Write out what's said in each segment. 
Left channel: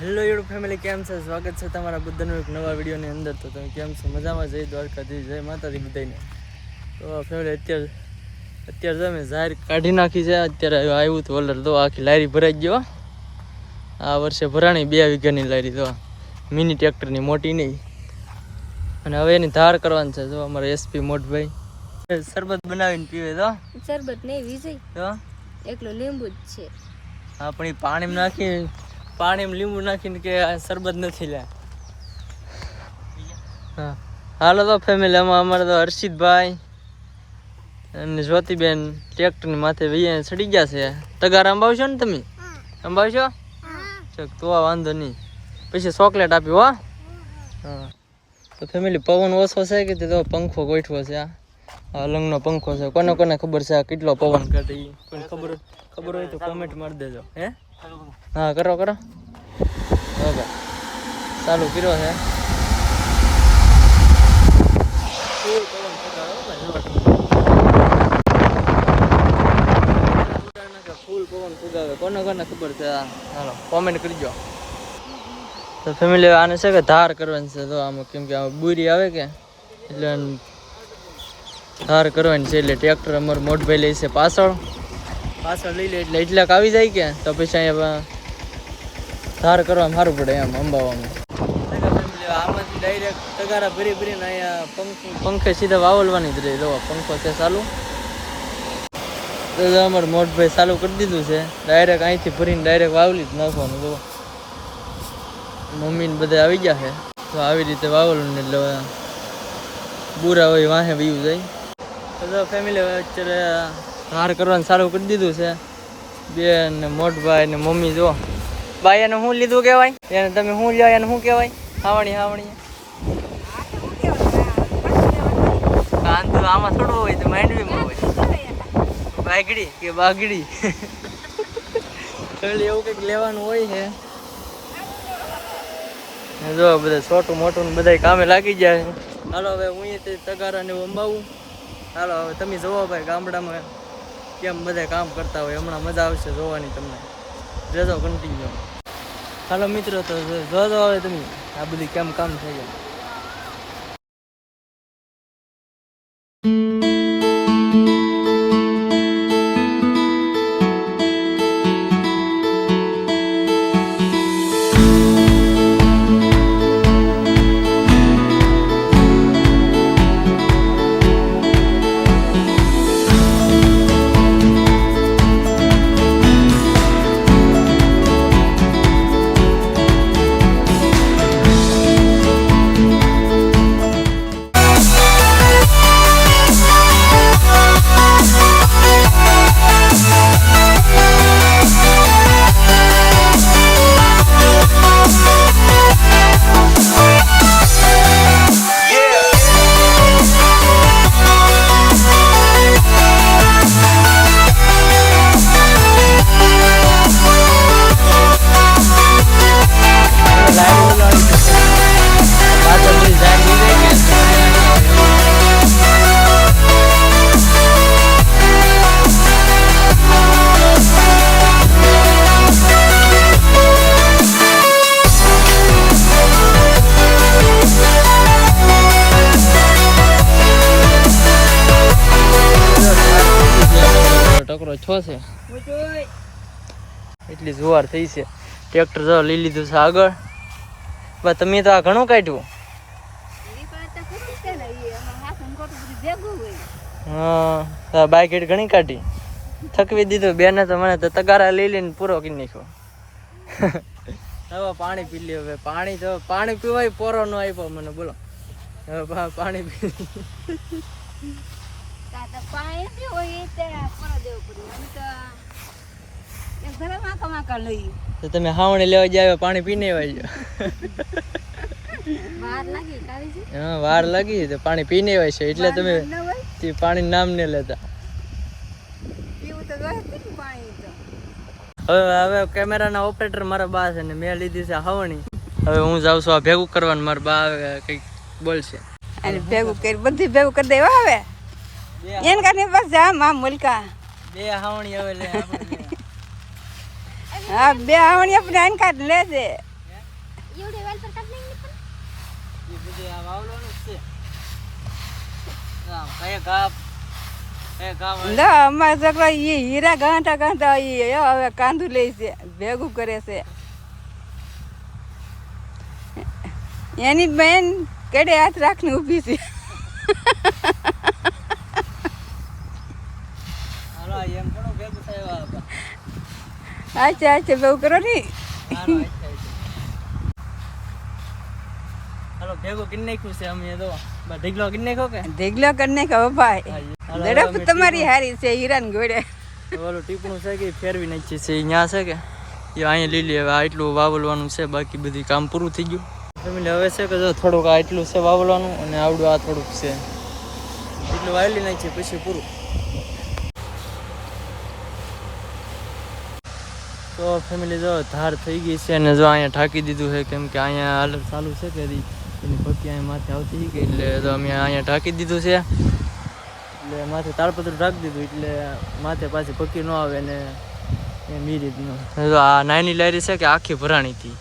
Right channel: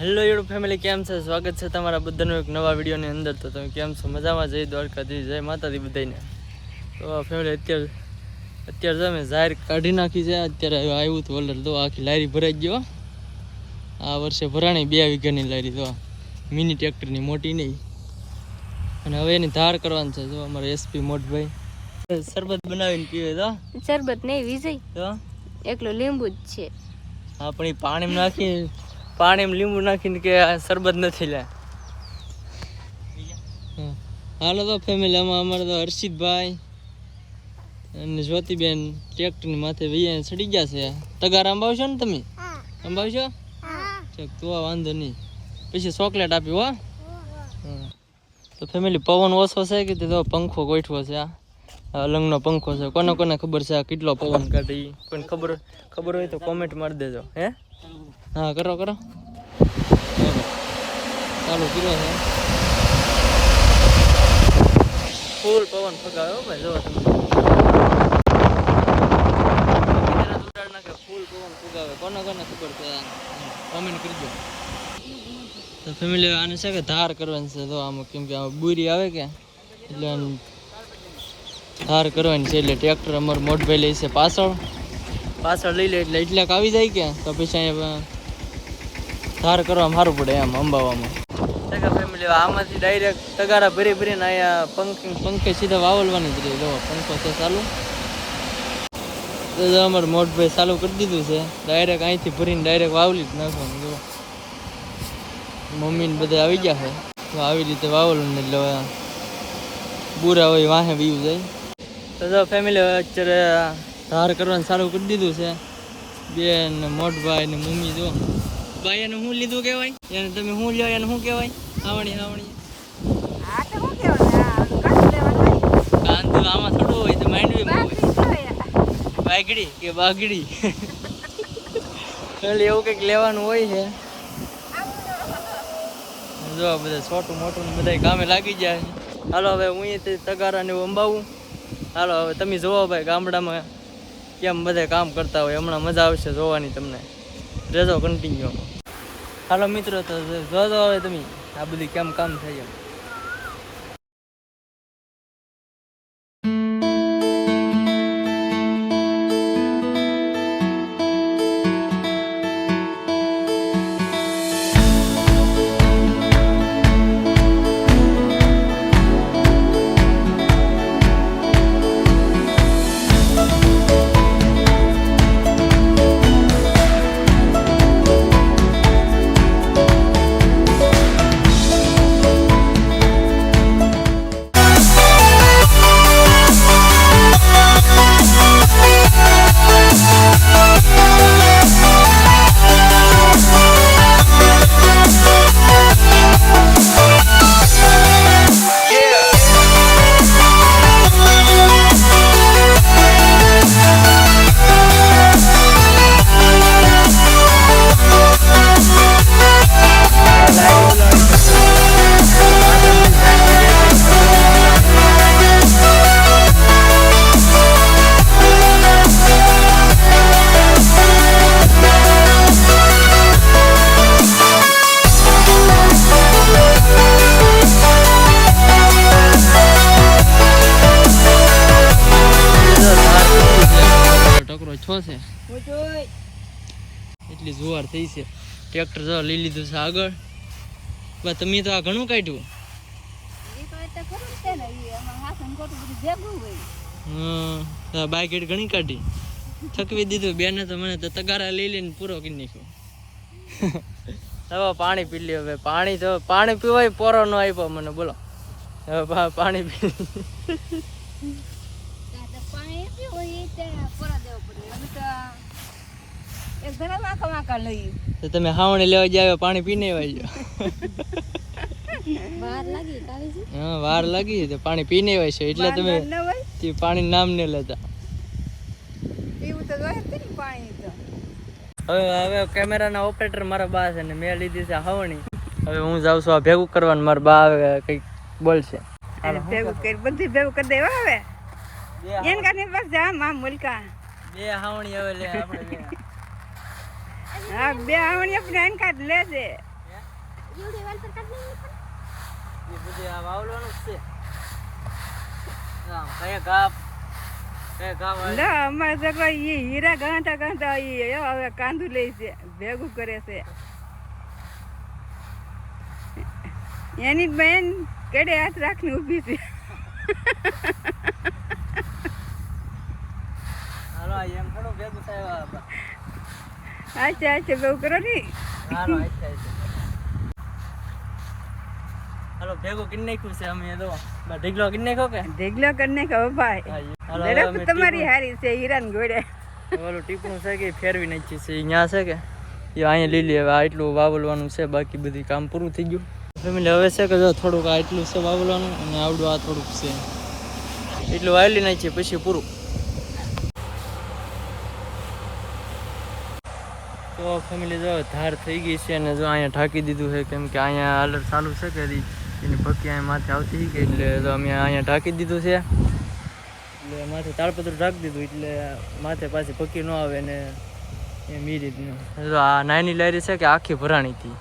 Hello YouTube family, કેમ છે? સ્વાગત છે તમારા બધાનું એક નવા વિડીયોની અંદર. તો તમે કેમ છો? મજામાં? જય દ્વારકાધીશ, જય માતાજી બધાને. તો ફેમિલી અત્યારે તમે જાહેર કાઢી નાખી છે. અત્યારે આવ્યું હતું ઓલર તો આખી લારી ભરાઈ ગયો. આ વર્ષે ભરાણી 2 વીઘાની લારી તો મિની ટ્રેક્ટરની, મોટી નહીં. અને હવે એની ધાર કરવાની છે. જો અમારા એસપી મોટભાઈ શરબત બનાવીને પીવે. તો શરબત નહીં વિજય, તો એકલું લીંબુ જ છે. હા, પણ એ પાણીમાં લીંબુ નાખીને કે શરબત નથી લે. હા, હાલો તો ફેમિલી, અમારે તો હર્ષિતભાઈ અને જ્યોતિબેન ટ્રેક્ટરની માથે વૈયા ચડી ગયા છે. તગાર અંબાવશો ને તમે? અંબાવશો? તો વાંધો નહીં, પછી ચોકલેટ આપી હો. હા, તો ફેમિલી પવન ઓછો છે કે તો પંખો ગોઠવો છે. આ અલંગનો પંખો છે. કોને ખબર છે આ કેટલો પવન કાઢે? પણ ખબર હોય તો કોમેન્ટ મારી દેજો. હે, હા, કરો હા ભાઈ, ચાલુ કર્યો છે. ફૂલ પવન ફૂંકાયો ભાઈ. જો ફૂલ પવન ફૂંકાવે. કોને ખબર છે? ચાલો કોમેન્ટ કરજો. તો ફેમિલી આને છે કે ધાર કરવાની છે. તો આમાં કેમ કે આમાં બુરી આવે કે એટલે ધાર કરવાની છે. એટલે ટ્રેક્ટર અમારું મોટભાઈ લે છે પાછળ લઈ લે એટલે એટલાક આવી જાય કે તો પછી અહીંયા ધાર કરવામાં સારું પડે એમ અંબાવામાં. ફેમિલી આમાંથી ડાયરેક્ટ તગારા ભરીને અહીંયા પંખે સીધા વાવલવાની જ રહી. જો પંખો છે ચાલુ. તો અમારું મોટભાઈ ચાલુ કરી દીધું છે. ડાયરેક્ટ અહીંથી ભરીને ડાયરેક્ટ વાવલી જ નાખવાનું. જો મમ્મીને બધા આવી ગયા છે. તો આવી રીતે વાવલું ને એટલે બુરા હોય વાહે વયું જાય. તો ફેમિલી અત્યારે ધાર કરવાનું ચાલુ કરી દીધું છે. બેન ને મોટભાઈ ને મમ્મી. જો ભાઈ એને શું લીધું કહેવાય? એને તમે શું લ્યો? એને શું કહેવાય? હાવણી કાંદું આમાં થોડું હોય તો માંડવીમાં હોય. બાગડી કે બાગડી એટલે એવું કંઈક લેવાનું હોય છે. જો બધા છોટું મોટું બધા કામે લાગી જાય છે. હાલો હવે હું તગારા ને અંબાવું. હાલો હવે તમે જોવો ભાઈ ગામડામાં કેમ બધા કામ કરતા હોય. હમણાં મજા આવશે જોવાની તમને. રેજો કન્ટિન્યુ. હાલો મિત્રો, તો જોજો હવે તમે આ બધી કેમ કામ થાય છે. છો છે એટલી જુવાર થઈ છે. ટ્રેક્ટર જો લઈ લીધું છે આગળ. પણ તમે તો આ ઘણું કાઢ્યું. હા, બાઈક હેડ ઘણી કાઢી. થકવી દીધું બેને તો. મને તો તગારા લઈ લઈને પૂરો કરી નાખ્યો. હવે પાણી પી લે. હવે પાણી પીવાય પોરો ન આપ્યો મને. બોલો હવે પાણી પી. તો તમે હાવણી લેવા જાય પાણી પીને આવ્યા. હા, વાર લાગી તો પાણી પીને આવ્યા છે એટલે તમે પાણી નામ ને લેતા. હવે કેમેરાના ઓપરેટર મારા બા છે ને મેં લીધી છે હાવણી. હવે હું જાઉં છું આ ભેગું કરવાનું. મારા બા આવે કઈક બોલશે. ભેગું કરી બધી ભેગું કરી દેવા. હવે એન કાને બસ જા માં મુલકા 2 હાવણી હવે લે આપણે. હા, 2 હાવણી આપણે આન કાઢ લે દે. એ બધું આ વાવવાનું જ છે. આમ કયા ઘા ના અમારા છોકરા એ હીરા ગાંઠા ગાંઠા એ હવે કાંદું લે છે ભેગું કરે છે એની બેન કેડે હાથ રાખને ઊભી છે હાલો એમ થોડું ભેગું થાય અચ્છા ભેગું કરો ને હાલો હાલો ભેગું કરી નાખ્યું છે અમે તો ઢીકલો કરી નાખ્યો કે ઢીકલો કરીને કહો ભાઈ ઝડપ તમારી હારી છે હીરાન ગોળે ઓલું ટીપણું છે કે ફેરવી નાખી છે ત્યાં છે કે એ અહીંયા લીલી હવે આ એટલું વાવલવાનું છે બાકી બધી કામ પૂરું થઈ ગયું ફેમિલી હવે છે કે જો થોડુંક આ એટલું છે વાવલવાનું અને આવડું આ થોડુંક છે એટલું વાવલી નાખીએ પછી પૂરું તો ફેમિલી જો ધાર થઈ ગઈ છે અને જો અહીંયા ઢાંકી દીધું છે કેમ કે અહીંયા હાલત ચાલુ છે કે એની ભક્કી અહીંયા માથે આવતી કે એટલે તો અમે અહીંયા ઢાંકી દીધું છે એટલે માથે તાળપત્ર ઢાંકી દીધું એટલે માથે પાછી ભક્કી ન આવે ને એમ એ રીતનું જો આ નાની લારી છે કે આખી ભરાણી હતી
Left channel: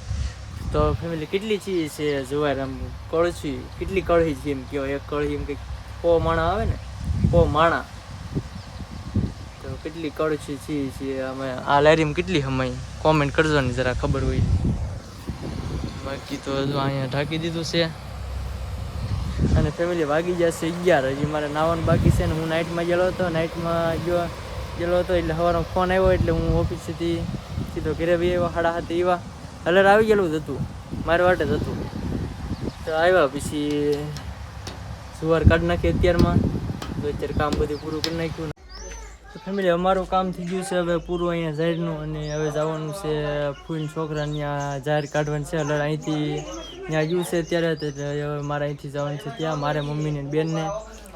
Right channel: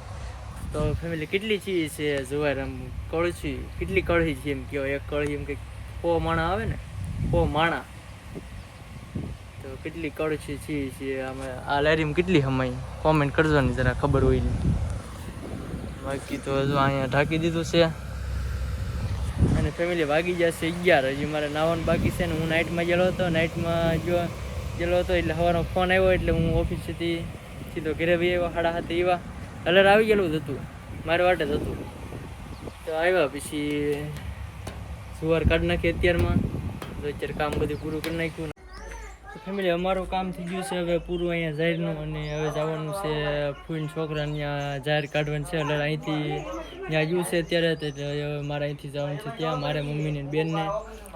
તો ફેમિલી કેટલી ચીજ છે જુવાર આમ કળશી કેટલી કળહી છે એમ કહેવાય એક કળહી એમ કંઈક પો માણા આવે ને પો માણા તો કેટલી કળશી ચીજ છે અમે આ લારીમાં કેટલી હમાઈ કોમેન્ટ કરજો ને જરા ખબર હોય ને બાકી તો જો અહીંયા ઢાંકી દીધું છે અને ફેમિલી વાગી જશે 11 હજી મારે નાવાનું બાકી છે ને હું નાઇટમાં ગયેલો હતો નાઇટમાં ગયેલો હતો એટલે સવારમાં ફોન આવ્યો એટલે હું ઓફિસથી સીધો ઘરે બી આવ્યા 7:30 એવા કલર આવી ગયેલું જ હતું મારી વાટે જ હતું તો આવ્યા પછી સુવાર કાઢી નાખી અત્યારમાં તો અત્યારે કામ બધું પૂરું કરી નાખ્યું તો ફેમિલી અમારું કામ થઈ ગયું છે હવે પૂરું અહીંયા જાહેરનું અને હવે જવાનું છે ફૂઈન છોકરા ત્યાં જાહેર કાઢવાનું છે એટલે અહીંથી ત્યાં ગયું છે અત્યારે એટલે હવે મારે અહીંથી જવાનું છે ત્યાં મારે મમ્મીને બેનને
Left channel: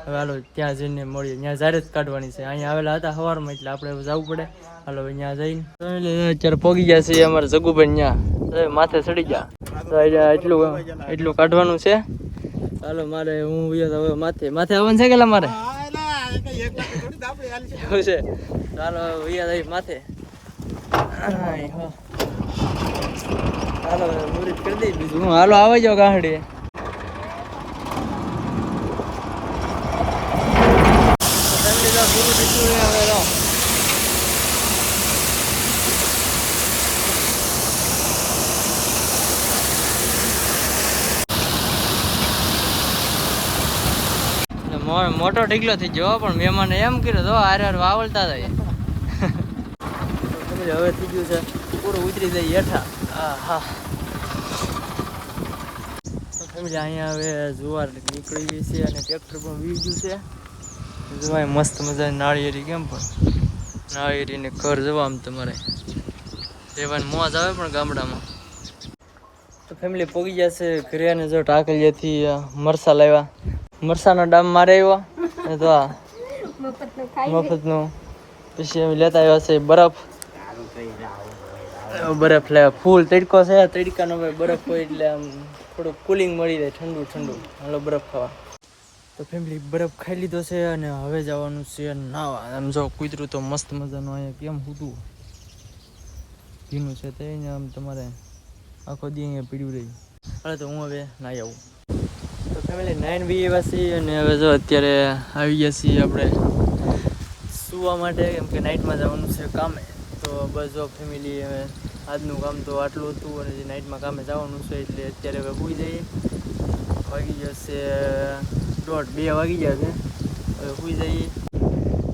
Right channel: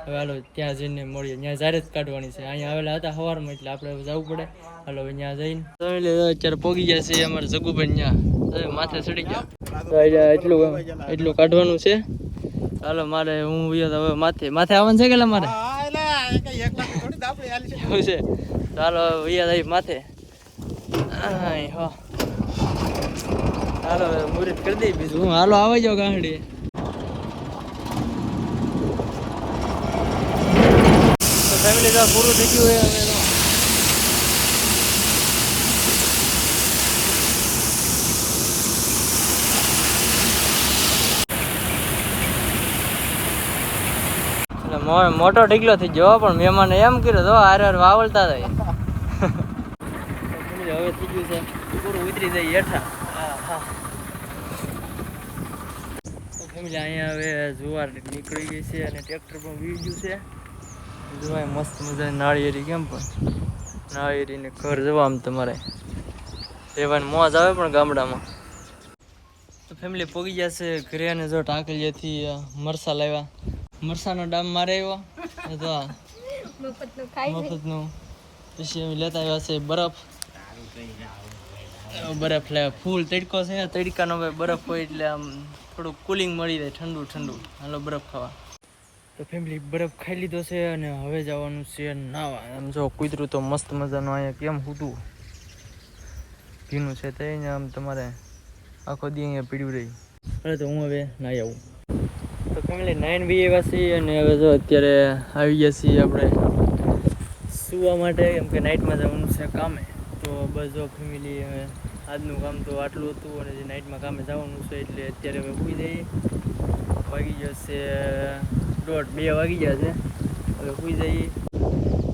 હવે હાલો ત્યાં જઈને મળીએ ત્યાં જાહેર જ કાઢવાની છે અહીંયા આવેલા હતા સવારમાં એટલે આપણે જવું પડે હાલો હવે ત્યાં જઈને અત્યારે પોગી ગયા છે અમારે જગુભાઈ ત્યાં માથે ચડી ગયા તો એટલું કાઢવાનું છે ચાલો મારે હું હવે માથે આવવાનું છે કે મારે એવું છે ચાલો વૈયા માથે હાલો મુહૂર્ત કરી દઈ બીજું હું હાલો આવી જાઓ ગાંહડી ફેમિલી તો પૂરું થઈ ગયું હવે તો મોટો ઢીકલો થઈ ગયો પણ મહેમાને એમ કર્યું તો હારે વાવલતા જાય હવે થઈ ગયું છે પૂરું ઉતરી જાય હેઠા હા ફેમિલી અહીંયા હવે જુવાર નીકળી ગઈ છે અને ટ્રેક્ટર પણ વી ગયું છે જોવાય મસ્ત મજાની નાળિયેરી કેમ પણ નાળિયેરીને ઘર જવા આમ તમારે રહેવાની મોજ આવે પણ ગામડામાં તો ફેમિલી પોગી જશે ઘરે અને જો ટાકલીએથી મરસા લાવ્યા મરસાનો ડામ મારે આવ્યો તો આ મફતનું પછી અમે લેતા આવ્યા છે બરફ લાવ્યા ફૂલ તડકો છે તડકાનો બરફ હોય એટલે આમ થોડુંક કુલિંગ મળી જાય ઠંડુ હાલો બરફ ખાવા તો ફેમિલી બરફ ખાઈ લીધો છે અને હવે જવાનું છે નાવા આમ જો કૂતરું તો મસ્ત મજાનું અહીંયા કેમ હતું ભીનું છે તો અહીંયા આમ તમારે આખો દી અહીંયા પીડ્યું રહી અને તો હું હવે નાહી આવું તો ફેમિલી 9 બી એવા છીએ અને હવે જો અત્યારે આવી ગયા છીએ આપણે સુવા માટે કેમ કે નાઇટમાં જવાનું છે કામે તો બસ જો ફેમિલી હવે આજનું કામ તો આટલું હતું અને જે નાઇટમાં કામે જવાનું છે એટલે અત્યારે હવે સૂઈ જઈએ વાગી જશે 1:30-2 વાગી ગયા છે હવે સૂઈ જઈએ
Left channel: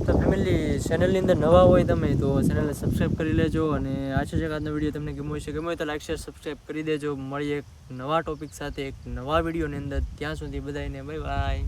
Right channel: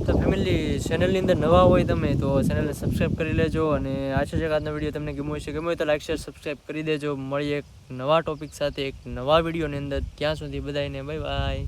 તો ફેમિલી ચેનલની અંદર નવા હોય તમે તો ચેનલને સબસ્ક્રાઈબ કરી લેજો અને આશા છે કે આજનો વિડીયો તમને ગમ્યો હશે ગમ્યો તો લાઈક શેર સબસ્ક્રાઈબ કરી દેજો મળીએ એક નવા ટોપિક સાથે એક નવા વિડીયોની અંદર ત્યાં સુધી બધાને બાય બાય.